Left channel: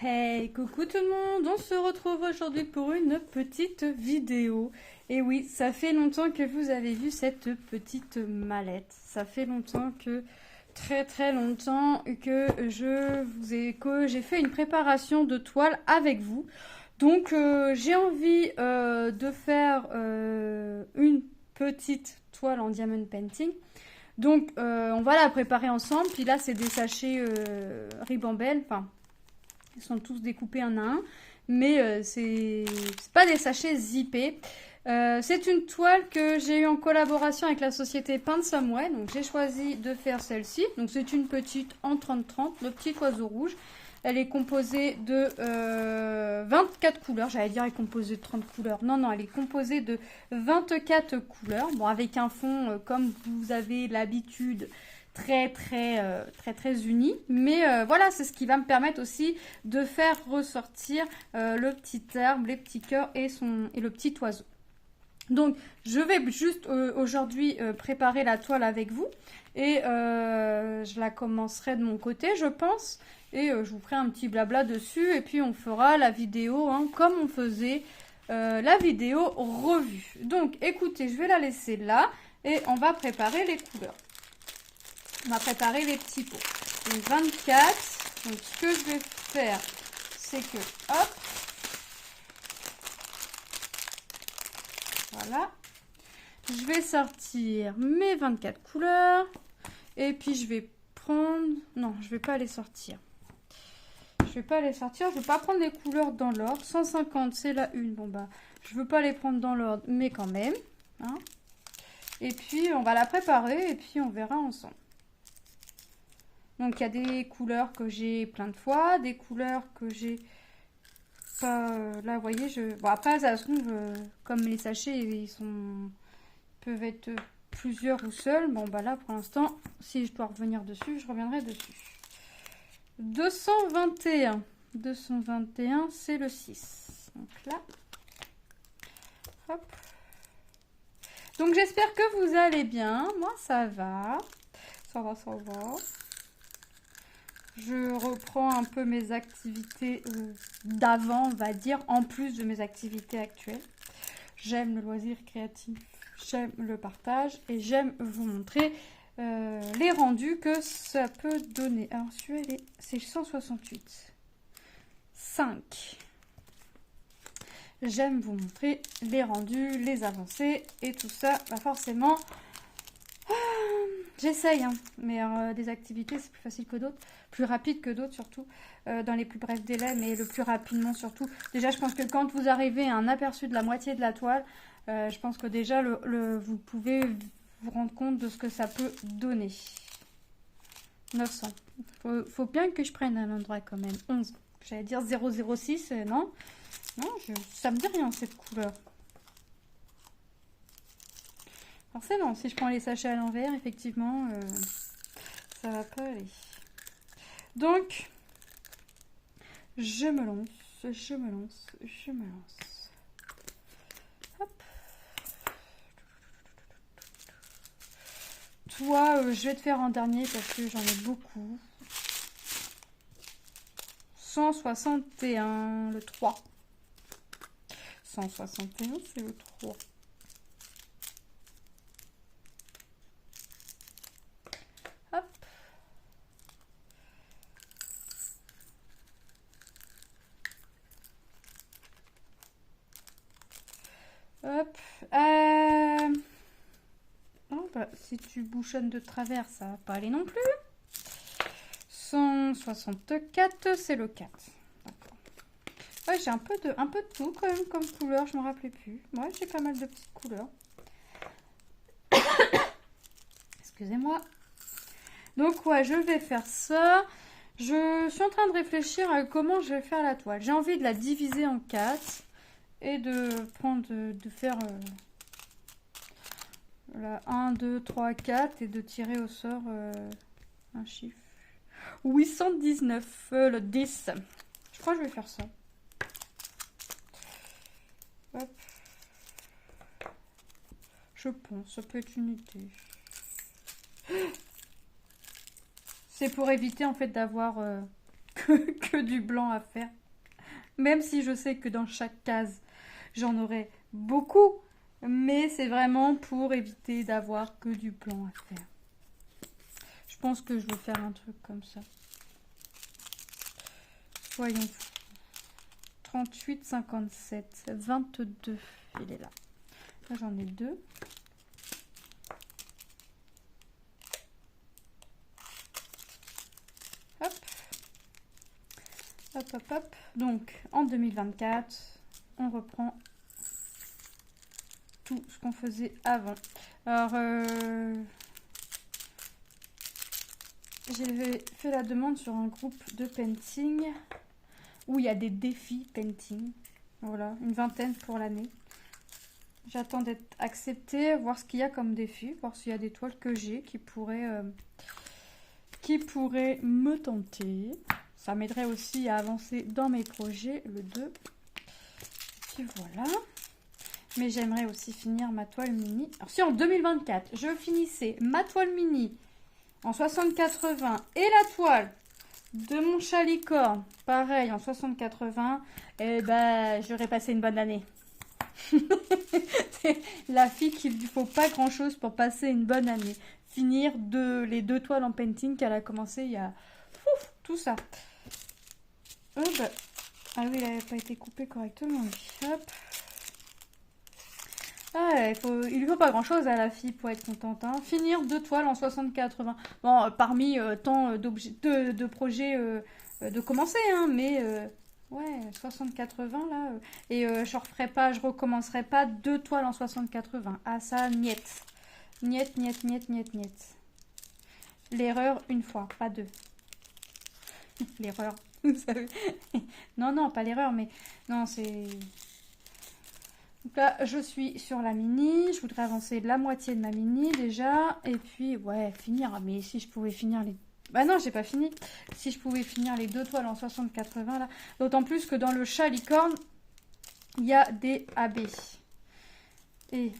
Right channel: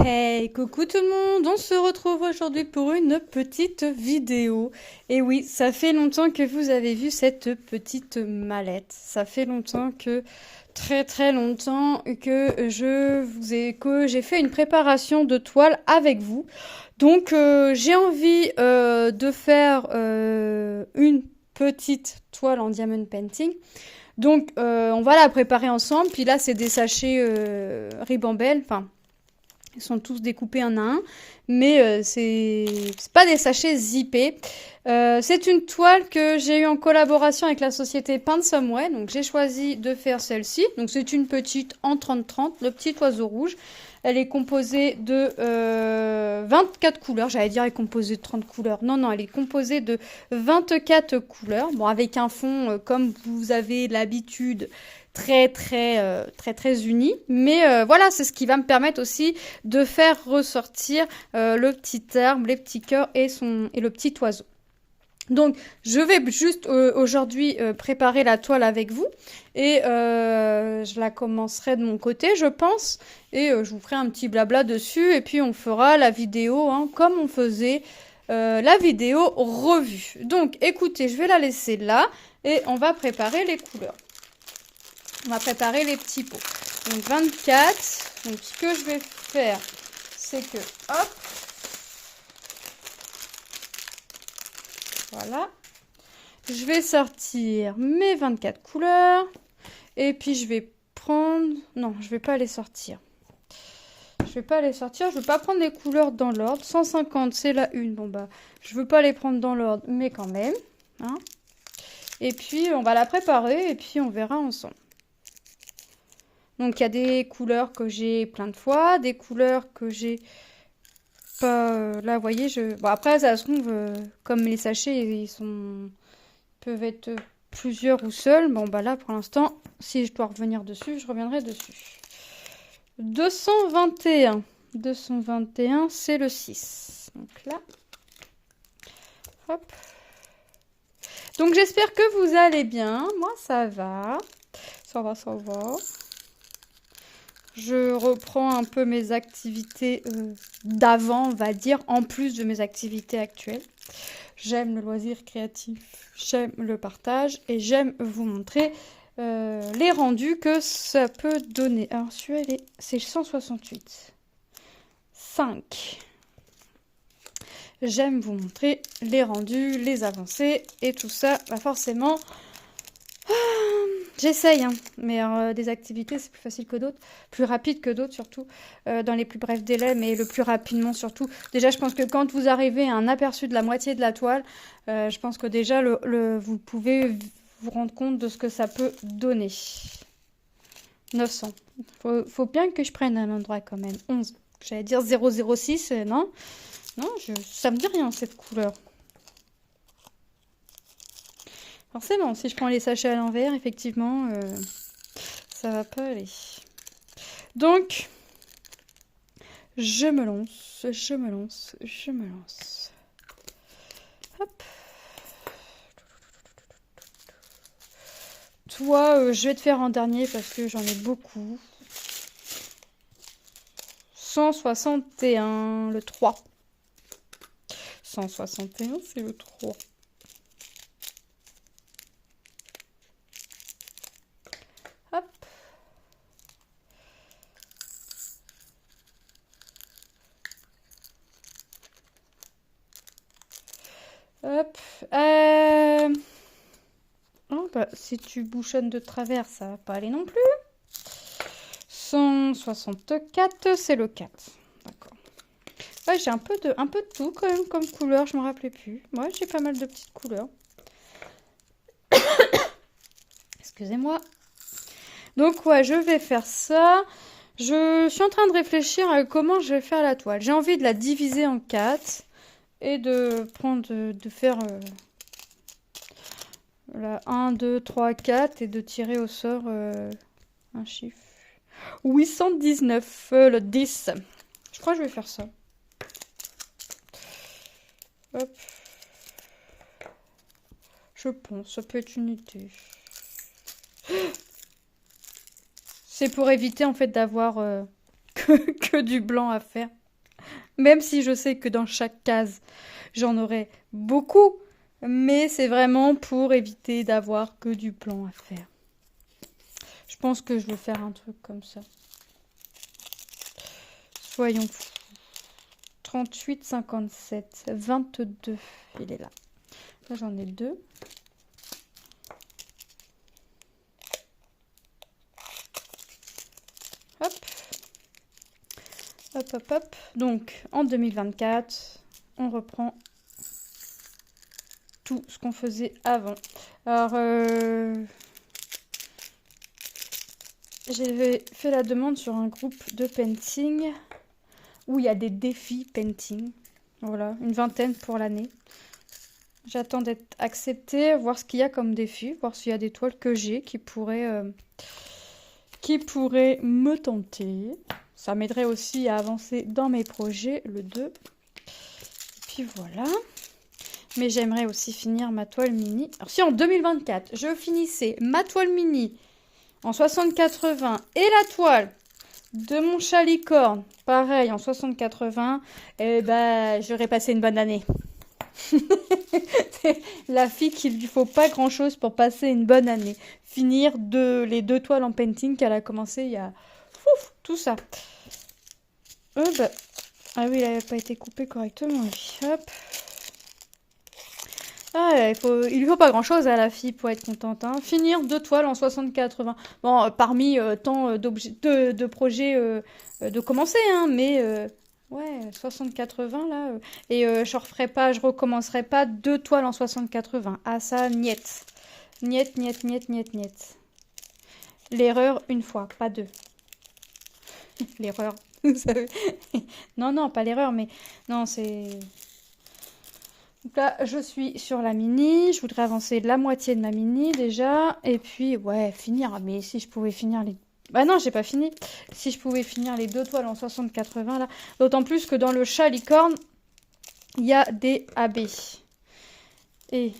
Hey, coucou tout le monde, on se retrouve aujourd'hui pour une petite vidéo. Et oui, ça fait longtemps que vous avez vu cette petite mallette. Ça fait longtemps que, très très longtemps que que j'ai fait une préparation de toile avec vous. Donc j'ai envie de faire une petite toile en diamond painting. Donc on va la préparer ensemble. Puis là c'est des sachets Ribambelle, enfin ils sont tous découpés un à un, mais c'est pas des sachets zippés. C'est une toile que j'ai eue en collaboration avec la société Paint Somewhere, donc j'ai choisi de faire celle-ci. Donc c'est une petite en 30-30, le petit oiseau rouge. Elle est composée de 24 couleurs. J'allais dire elle est composée de 30 couleurs. Non, non, elle est composée de 24 couleurs. Bon, avec un fond, comme vous avez l'habitude, très uni. Mais voilà, c'est ce qui va me permettre aussi de faire ressortir le petit arbre, les petits cœurs et le petit oiseau. Donc, je vais juste aujourd'hui préparer la toile avec vous et je la commencerai de mon côté, je pense, et je vous ferai un petit blabla dessus et puis on fera la vidéo hein, comme on faisait la vidéo revue. Donc, écoutez, je vais la laisser là et on va préparer les couleurs. On va préparer les petits pots. Donc 24. Donc ce que je vais faire, c'est que hop, voilà. Je vais sortir mes 24 couleurs. Et puis je vais prendre... Non, je vais pas les sortir. Je vais pas les sortir. Je vais pas prendre les couleurs dans l'ordre. 150, c'est la une. Bon bah, je veux pas les prendre dans l'ordre, mais quand même. Hein. Et puis on va la préparer et puis on verra ensemble. Donc il y a des couleurs que j'ai plein de fois, des couleurs que j'ai pas... là, vous voyez, bon, après, ça se trouve, comme les sachets, peuvent être plusieurs ou seuls. Bon, bah là, pour l'instant, si je dois revenir dessus, je reviendrai dessus. 221. 221, c'est le 6. Donc là, hop. Donc j'espère que vous allez bien. Moi, ça va. Ça va, ça va. Je reprends un peu mes activités d'avant, on va dire, en plus de mes activités actuelles. J'aime le loisir créatif, j'aime le partage et j'aime vous montrer les rendus que ça peut donner. Alors celui-là, c'est 168. 5. J'aime vous montrer les rendus, les avancées et tout ça, bah forcément... J'essaye, hein, mais des activités, c'est plus facile que d'autres, plus rapide que d'autres surtout, dans les plus brefs délais, mais le plus rapidement surtout. Déjà, je pense que quand vous arrivez à un aperçu de la moitié de la toile, je pense que déjà, vous pouvez vous rendre compte de ce que ça peut donner. 900. Faut bien que je prenne un endroit quand même. 11. J'allais dire 006, non. Non, ça me dit rien cette couleur. Forcément, si je prends les sachets à l'envers, effectivement, ça va pas aller. Donc, je me lance, je me lance, je me lance. Hop. Toi, je vais te faire en dernier parce que j'en ai beaucoup. 161, le 3. 161, c'est le 3. Hop. Hop. Oh, bah, si tu bouchonnes de travers, ça va pas aller non plus. 164, c'est le 4. D'accord. Ouais, j'ai un peu de tout quand même comme couleur, je me rappelais plus. Ouais, j'ai pas mal de petites couleurs. Excusez-moi. Donc ouais, je vais faire ça. Je suis en train de réfléchir à comment je vais faire la toile. J'ai envie de la diviser en 4 et de faire la 1, 2, 3, 4 et de tirer au sort un chiffre. 819, le 10. Je crois que je vais faire ça. Hop. Je pense, ça peut être une idée. C'est pour éviter en fait d'avoir que du blanc à faire. Même si je sais que dans chaque case, j'en aurai beaucoup. Mais c'est vraiment pour éviter d'avoir que du blanc à faire. Je pense que je vais faire un truc comme ça. Soyons fous. 38, 57, 22. Il est là. Là, j'en ai 2. Hop. Hop, hop, hop. Donc, en 2024, on reprend tout ce qu'on faisait avant. Alors, j'ai fait la demande sur un groupe de painting où il y a des défis painting. Voilà, une vingtaine pour l'année. J'attends d'être acceptée, voir ce qu'il y a comme défi, voir s'il y a des toiles que j'ai qui pourraient me tenter. Ça m'aiderait aussi à avancer dans mes projets, le 2. Et puis voilà. Mais j'aimerais aussi finir ma toile mini. Alors si en 2024, je finissais ma toile mini en 60-80 et la toile de mon chat licorne, pareil, en 60-80, eh ben, j'aurais passé une bonne année. C'est la fille qu'il lui faut pas grand-chose pour passer une bonne année. Finir les 2 toiles en painting qu'elle a commencé il y a... Ouf, tout ça. Ah oui, il n'avait pas été coupé correctement. Hop. Ah, il lui faut pas grand-chose à la fille pour être contente. Hein. Finir 2 toiles en 60-80. Bon, parmi tant de projets de commencer, hein, mais ouais, 60-80 là. Et je recommencerai pas 2 toiles en 60-80. Ah ça, niet. Niet, niet, niet, niet, niet. L'erreur une fois, pas 2. L'erreur, vous savez. Non, non, pas l'erreur, mais non, c'est... Donc là, je suis sur la mini. Je voudrais avancer la moitié de ma mini déjà. Et puis, ouais, finir. Mais si je pouvais finir les... Bah non, j'ai pas fini. Si je pouvais finir les 2 toiles en 60-80 là. D'autant plus que dans le chat licorne, il y a des AB. Et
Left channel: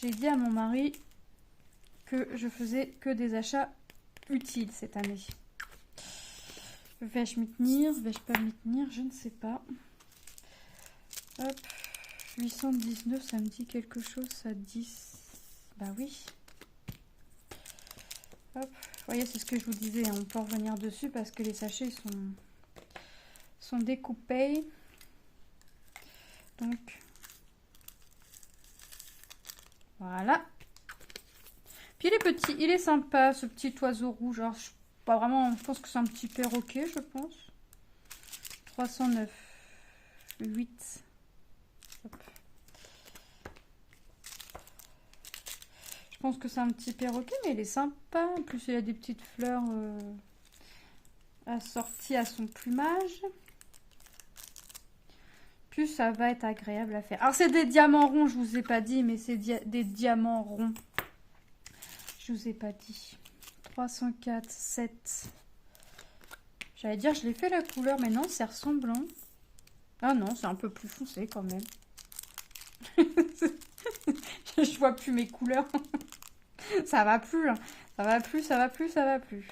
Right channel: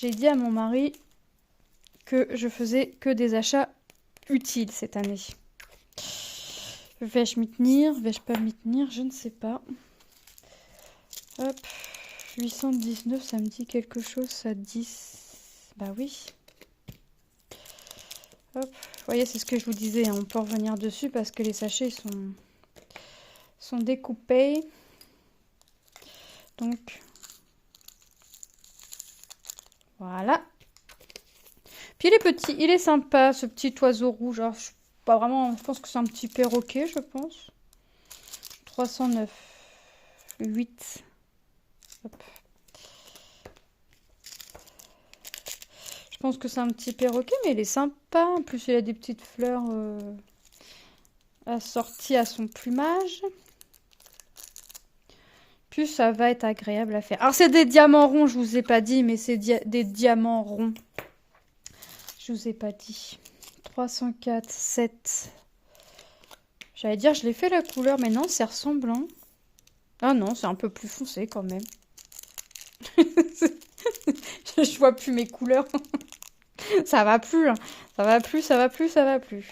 j'ai dit à mon mari que je faisais que des achats utiles cette année. Vais-je m'y tenir? Vais-je pas m'y tenir? Je ne sais pas. Hop, 819, ça me dit quelque chose, ça 10. Bah oui. Hop, vous voyez, c'est ce que je vous disais, hein, on peut revenir dessus parce que les sachets sont découpés. Donc, voilà. Puis il est petit, il est sympa, ce petit oiseau rouge. Alors, pas vraiment, je pense que c'est un petit perroquet, je pense. 309, 8. Hop. Je pense que c'est un petit perroquet, mais il est sympa. En plus, il a des petites fleurs assorties à son plumage. Puis, ça va être agréable à faire. Alors, c'est des diamants ronds, je vous ai pas dit, mais c'est des diamants ronds. Je vous ai pas dit. 304, 7. J'allais dire, je l'ai fait la couleur, mais non, c'est ressemblant. Ah non, c'est un peu plus foncé quand même. Je vois plus mes couleurs. Ça va plus. Hein. Ça va plus, ça va plus, ça va plus.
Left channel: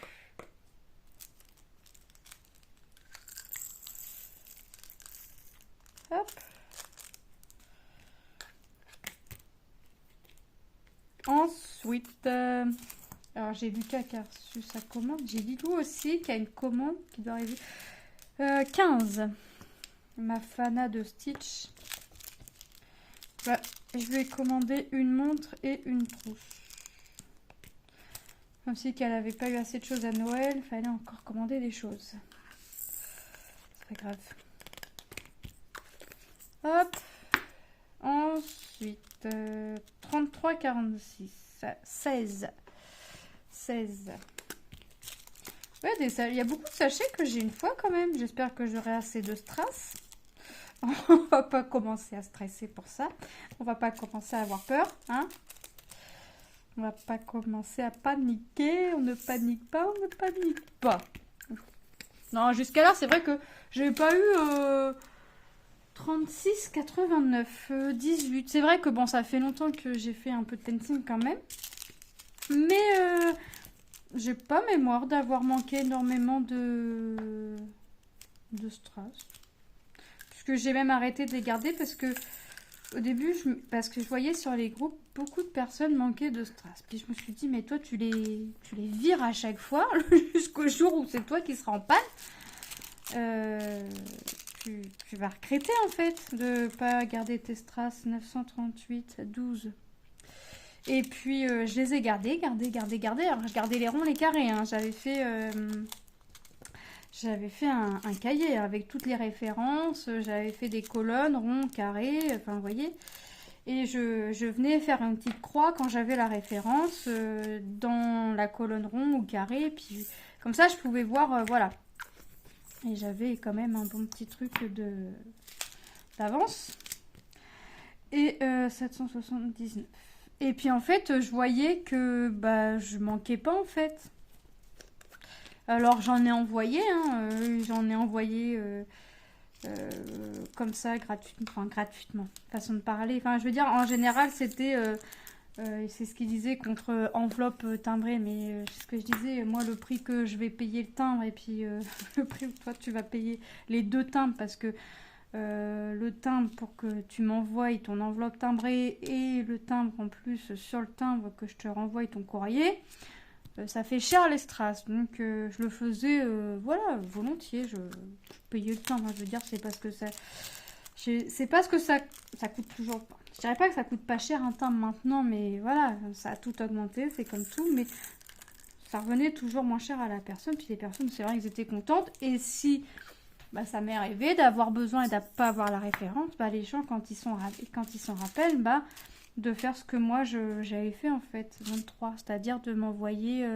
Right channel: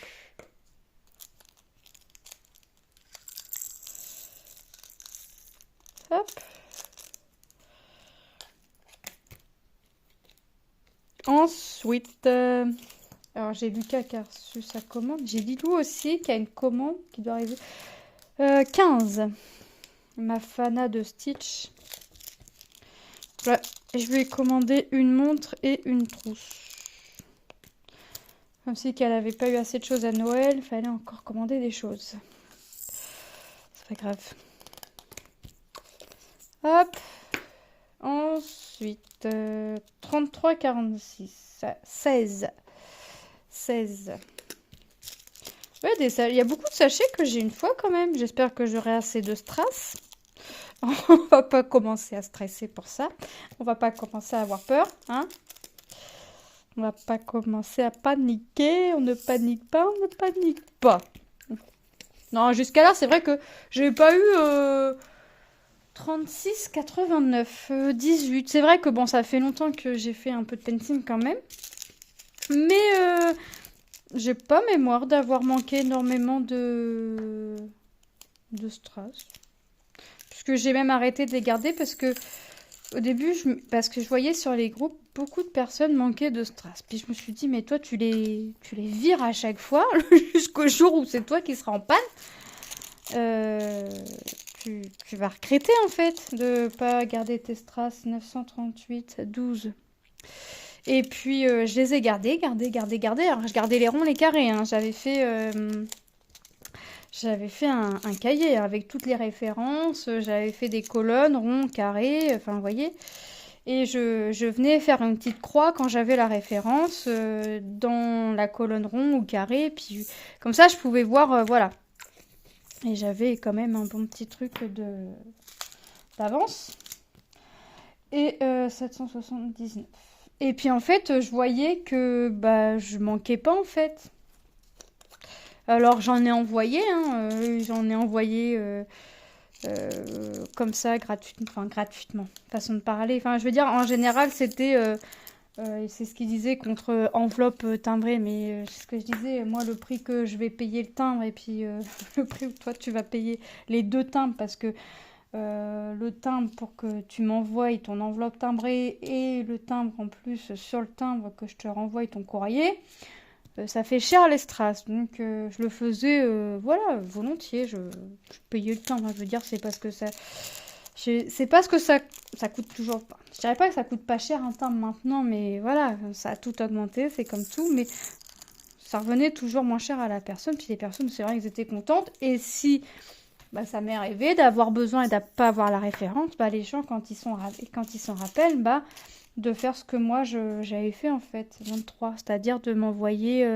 Hop. Ensuite, alors j'ai Lucas qui a reçu sa commande. J'ai Lilou aussi qui a une commande qui doit arriver. 15. Ma Fana de Stitch. Voilà. Je lui ai commandé une montre et une trousse. Comme si qu'elle n'avait pas eu assez de choses à Noël, il fallait encore commander des choses. C'est pas grave. Hop. Ensuite, 33, 46. 16. 16. Ouais, il y a beaucoup de sachets que j'ai une fois quand même. J'espère que j'aurai assez de strass. On va pas commencer à stresser pour ça. On va pas commencer à avoir peur, hein. On va pas commencer à paniquer. On ne panique pas, on ne panique pas. Non, jusqu'à là, c'est vrai que j'ai pas eu 36, 89, 18. C'est vrai que bon, ça fait longtemps que j'ai fait un peu de painting quand même. Mais J'ai pas mémoire d'avoir manqué énormément de strass. Puisque j'ai même arrêté de les garder parce que au début, parce que je voyais sur les groupes beaucoup de personnes manquaient de strass. Puis je me suis dit, mais toi, tu les vires à chaque fois jusqu'au jour où c'est toi qui seras en panne. Euh, tu vas regretter en fait de pas garder tes strass 938, 12. Et puis je les ai gardés. Alors je gardais les ronds, les carrés, hein. J'avais fait un cahier avec toutes les références, j'avais fait des colonnes, ronds, carrés, enfin vous voyez. Et je venais faire une petite croix quand j'avais la référence dans la colonne rond ou carré. Puis comme ça je pouvais voir, voilà. Et j'avais quand même un bon petit truc d'avance. Et 779. Et puis en fait je voyais que bah, je manquais pas en fait. Alors j'en ai envoyé, hein, comme ça gratuitement, façon de parler. Enfin, je veux dire, en général, c'est ce qu'ils disaient contre enveloppe timbrée, mais c'est ce que je disais. Moi, le prix que je vais payer le timbre et puis le prix où toi tu vas payer les deux timbres, parce que le timbre pour que tu m'envoies ton enveloppe timbrée et le timbre en plus sur le timbre que je te renvoie ton courrier. Ça fait cher les strass, donc je le faisais, voilà, volontiers. Je payais le timbre, je veux dire, c'est parce que ça coûte toujours pas. Je dirais pas que ça coûte pas cher un timbre maintenant, mais voilà, ça a tout augmenté, c'est comme tout, mais ça revenait toujours moins cher à la personne. Puis les personnes, c'est vrai qu'elles étaient contentes. Et si bah, ça m'est arrivé d'avoir besoin et de ne pas avoir la référence, bah, les gens, quand ils s'en rappellent, bah de faire ce que moi j'avais fait en fait, 23, c'est-à-dire de m'envoyer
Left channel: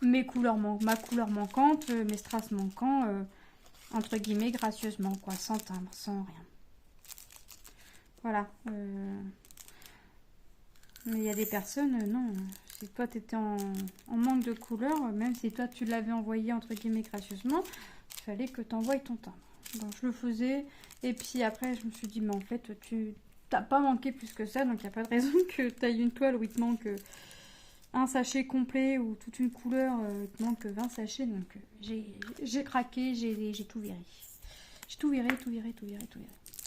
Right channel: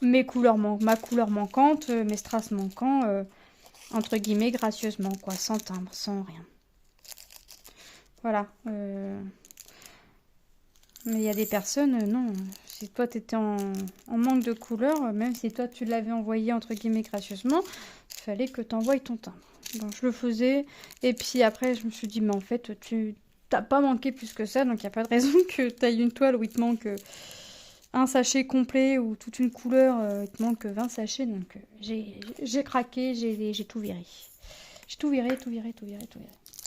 ma couleur manquante, mes strass manquants, entre guillemets, gracieusement, quoi, sans timbre, sans rien. Voilà. Mais il y a des personnes, non, si toi tu étais en manque de couleur, même si toi tu l'avais envoyé, entre guillemets, gracieusement, il fallait que tu envoies ton timbre. Bon, je le faisais, et puis après je me suis dit, mais en fait, t'as pas manqué plus que ça, donc il n'y a pas de raison que tu ailles une toile où il te manque un sachet complet ou toute une couleur, il te manque 20 sachets. Donc j'ai craqué, j'ai tout viré. J'ai tout viré.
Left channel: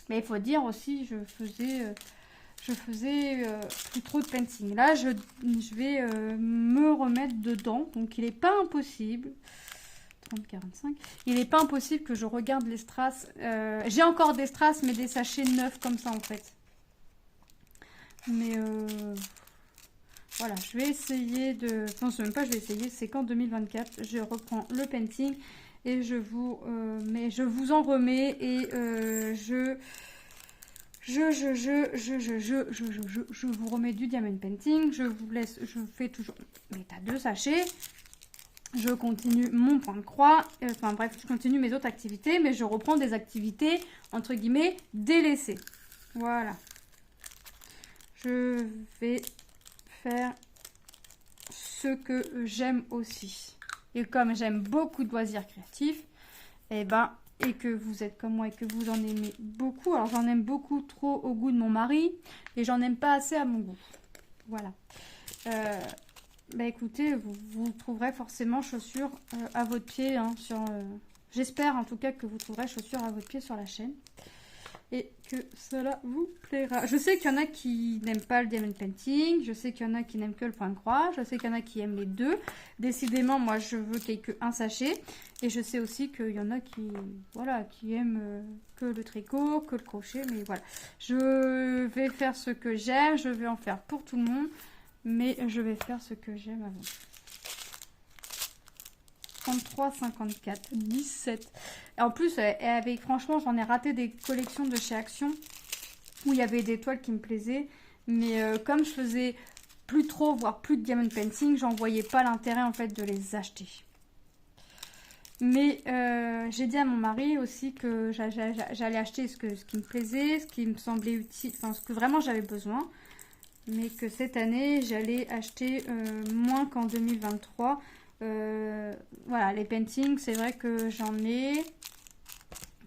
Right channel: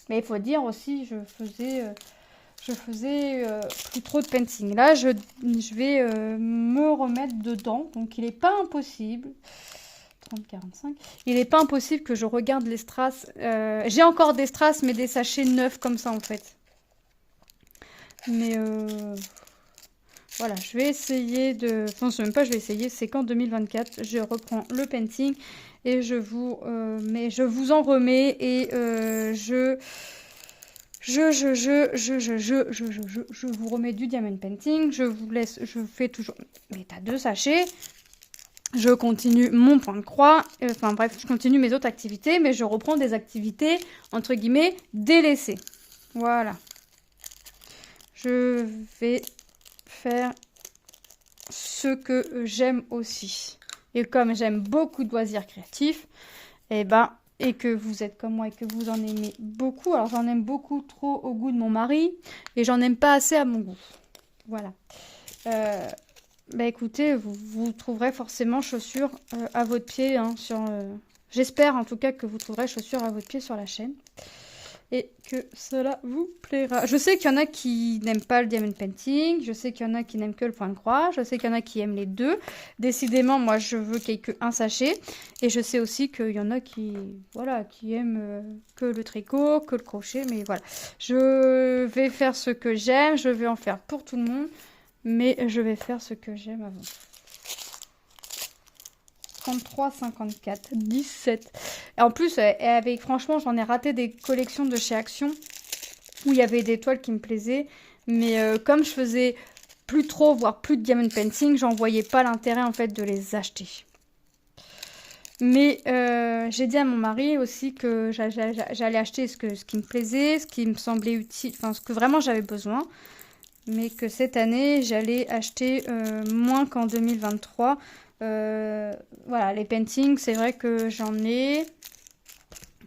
Mais il faut dire aussi, je faisais plus trop de painting. Là, je vais me remettre dedans, donc il n'est pas impossible. 30-45. Il n'est pas impossible que je regarde les strass. J'ai encore des strass, mais des sachets neufs comme ça en fait. Mais voilà, je vais essayer de... Enfin, c'est même pas je vais essayer, c'est qu'en 2024, je reprends le painting et je vous en remets et je vous remets du diamond painting. Je vous laisse, je fais toujours... Mais t'as 2 sachets. Je continue mon point de croix. Enfin bref, je continue mes autres activités, mais je reprends des activités, entre guillemets, délaissées. Voilà. Je vais faire ce que j'aime aussi. Et comme j'aime beaucoup de loisirs créatifs, et que vous êtes comme moi et que vous en aimez beaucoup, alors j'en aime beaucoup trop au goût de mon mari et j'en aime pas assez à mon goût. Voilà. Écoutez, vous trouverez forcément chaussures à votre pied. Hein, j'espère en tout cas que vous trouverez chaussures à votre pied sur la chaîne. Et que cela vous plaira. Je sais qu'il y en a qui n'aiment pas le diamond painting. Je sais qu'il y en a qui n'aiment que le point de croix. Je sais qu'il y en a qui aiment les deux. Décidément, moi, je veux qu'il n'y ait qu'un sachet. Et je sais aussi qu'il y en a qui aiment que le tricot, que le crochet. Mais voilà, je vais faire ce que j'aime. Je vais en faire pour tout le monde. Mais je vais faire ce que j'aime avant. 33, 54, 17. Et en plus, franchement, j'en ai raté des collections de chez Action où il y avait des toiles qui me plaisaient. Mais comme je faisais plus trop, voire plus de diamond painting, j'en voyais pas l'intérêt en fait de les acheter. Mais j'ai dit à mon mari aussi que j'allais acheter ce qui me plaisait, ce qui me semblait utile, enfin ce que vraiment j'avais besoin. Mais que cette année, j'allais acheter moins qu'en 2023. Voilà, les paintings, c'est vrai que j'en ai.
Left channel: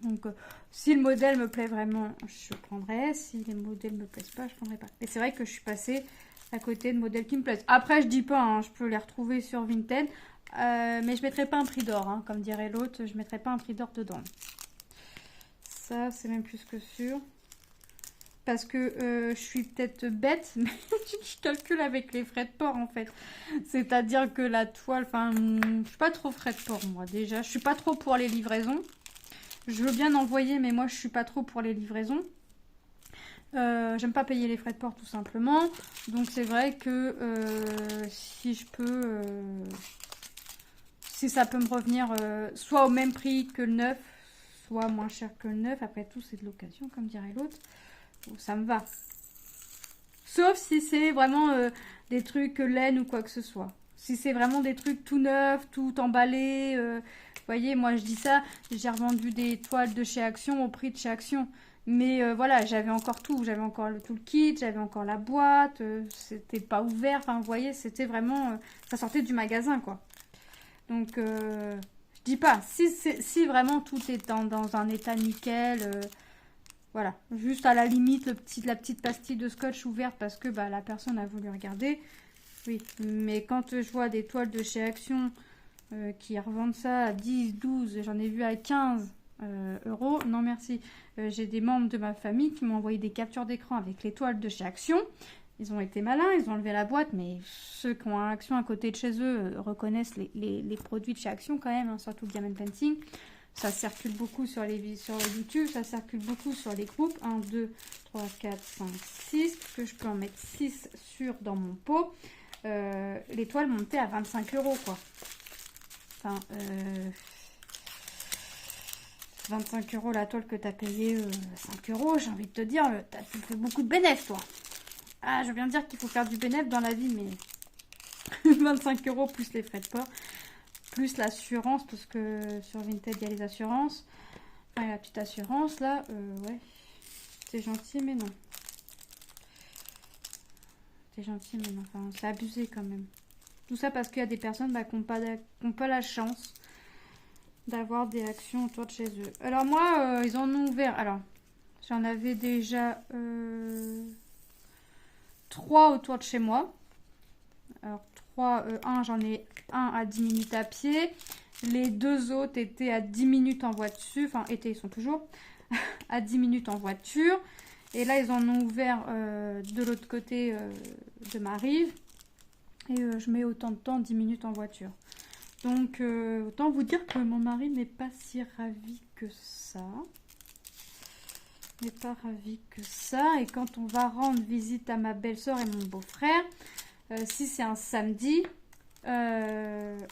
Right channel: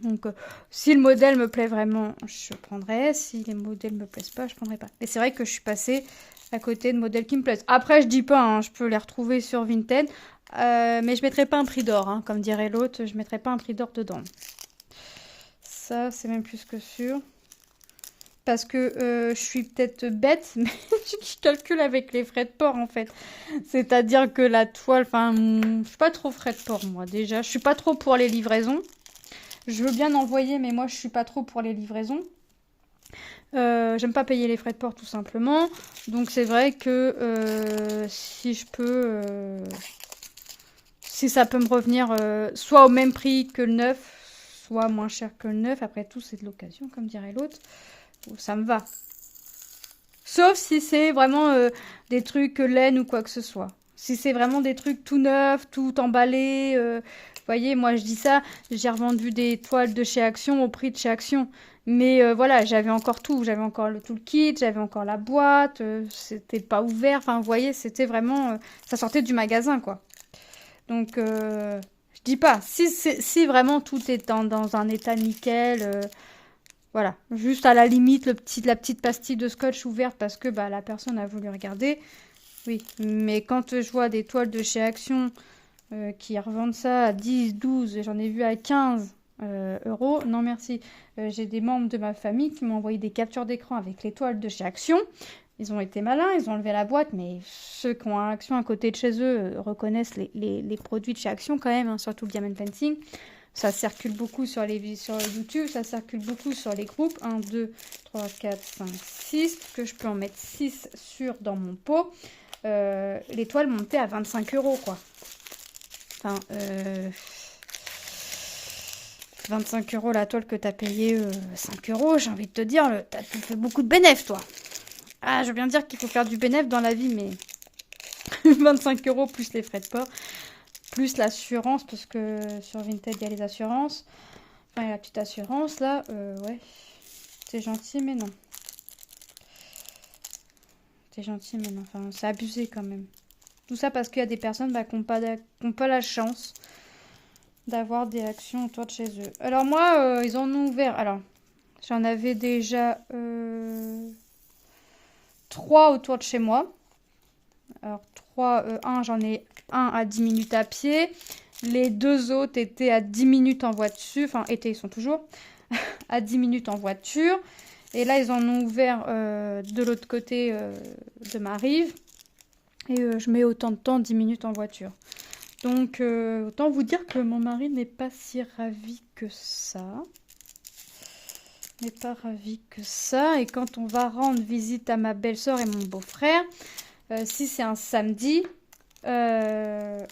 Donc, si le modèle me plaît vraiment, je prendrai. Si les modèles me plaisent pas, je prendrai pas. Mais c'est vrai que je suis passée à côté de modèles qui me plaisent. Après, je dis pas, hein, je peux les retrouver sur Vinted, mais je mettrai pas un prix d'or, hein, comme dirait l'autre, je mettrai pas un prix d'or dedans. Ça, c'est même plus que sûr. Parce que je suis peut-être bête, mais je calcule avec les frais de port en fait. C'est-à-dire que la toile, enfin, je suis pas trop frais de port moi déjà. Je suis pas trop pour les livraisons. Je veux bien envoyer, mais moi je suis pas trop pour les livraisons. J'aime pas payer les frais de port tout simplement. Donc c'est vrai que si je peux, si ça peut me revenir soit au même prix que le neuf, soit moins cher que le neuf. Après tout, c'est de l'occasion, comme dirait l'autre. Ça me va. Sauf si c'est vraiment des trucs laine ou quoi que ce soit. Si c'est vraiment des trucs tout neufs, tout emballés. Vous voyez, moi je dis ça, j'ai revendu des toiles de chez Action au prix de chez Action. Mais voilà, j'avais encore tout. J'avais encore tout le kit, j'avais encore la boîte. C'était pas ouvert. Enfin, vous voyez, c'était vraiment... ça sortait du magasin, quoi. Donc, je dis pas. Si vraiment tout est dans un état nickel... voilà, juste à la limite, la petite pastille de scotch ouverte parce que bah, la personne a voulu regarder. Oui, mais quand je vois des toiles de chez Action qui revendent ça à 10, 12, j'en ai vu à 15 euros, non merci. J'ai des membres de ma famille qui m'ont envoyé des captures d'écran avec les toiles de chez Action. Ils ont été malins, ils ont enlevé la boîte, mais ceux qui ont Action à côté de chez eux reconnaissent les produits de chez Action quand même, hein, surtout Diamond Painting. Ça circule beaucoup sur YouTube, ça circule beaucoup sur les groupes. 1, 2, 3, 4, 5, 6. Que je peux en mettre 6 dans mon pot. Les toiles montées à 25 euros, quoi. Enfin, 25 euros la toile que tu as payé 5 euros, j'ai envie de te dire, tu fais beaucoup de bénéfices, toi. Ah, je veux bien dire qu'il faut faire du bénéfice dans la vie, mais 25 euros plus les frais de port. Plus l'assurance, parce que sur Vinted, il y a les assurances. Enfin, la petite assurance, là, ouais. C'est gentil, mais non. C'est gentil, mais non. Enfin, c'est abusé, quand même. Tout ça parce qu'il y a des personnes qui n'ont pas la chance d'avoir des actions autour de chez eux. Alors, moi, ils en ont ouvert... Alors, j'en avais déjà 3 autour de chez moi. Alors, j'en ai un à 10 minutes à pied. Les 2 autres étaient à 10 minutes en voiture. Enfin, ils sont toujours à 10 minutes en voiture. Et là, ils en ont ouvert de l'autre côté de ma rive. Et je mets autant de temps, 10 minutes en voiture. Donc, autant vous dire que mon mari n'est pas si ravi que ça. N'est pas ravi que ça. Et quand on va rendre visite à ma belle-sœur et mon beau-frère... si c'est un samedi, je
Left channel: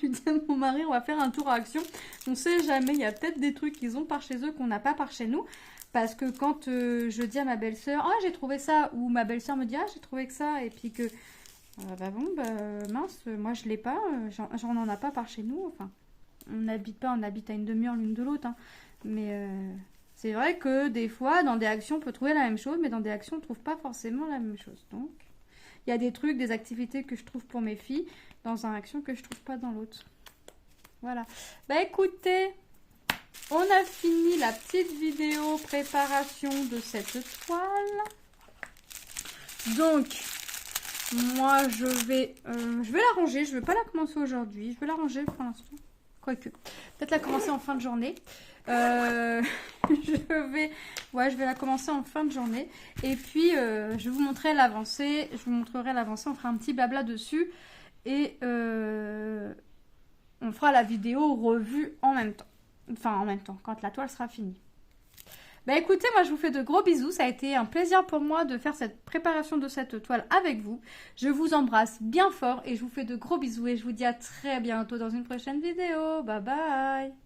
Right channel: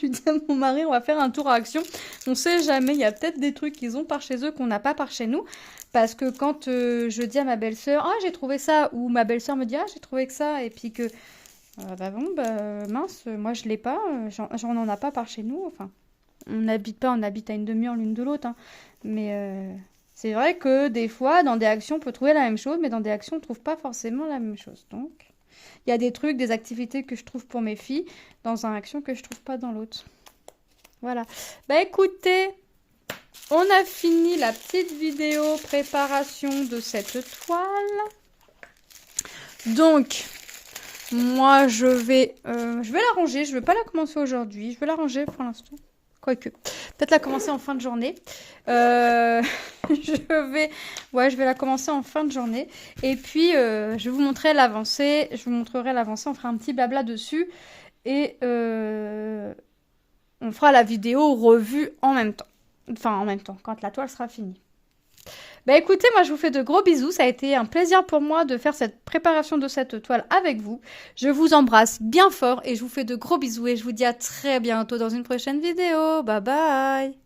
lui dis à mon mari, on va faire un tour à Action. On sait jamais, il y a peut-être des trucs qu'ils ont par chez eux qu'on n'a pas par chez nous. Parce que quand je dis à ma belle-sœur, ah j'ai trouvé ça, ou ma belle-sœur me dit, ah j'ai trouvé que ça, et puis que, mince, moi je l'ai pas, j'en en a pas par chez nous. Enfin, on habite à une demi-heure l'une de l'autre. Hein. Mais c'est vrai que des fois, dans des actions, on peut trouver la même chose, mais dans des actions, on ne trouve pas forcément la même chose. Donc... il y a des trucs, des activités que je trouve pour mes filles dans un action que je trouve pas dans l'autre. Voilà. Bah écoutez, on a fini la petite vidéo préparation de cette toile. Donc, moi je vais la ranger. Je vais pas la commencer aujourd'hui. Je vais la ranger pour l'instant. Quoique, peut-être la commencer en fin de journée. je vais la commencer en fin de journée. Et puis, je vais vous montrer l'avancée. Je vous montrerai l'avancée. On fera un petit blabla dessus. Et on fera la vidéo revue en même temps. Enfin, en même temps, quand la toile sera finie. Bah écoutez, moi je vous fais de gros bisous. Ça a été un plaisir pour moi de faire cette préparation de cette toile avec vous. Je vous embrasse bien fort et je vous fais de gros bisous. Et je vous dis à très bientôt dans une prochaine vidéo. Bye bye!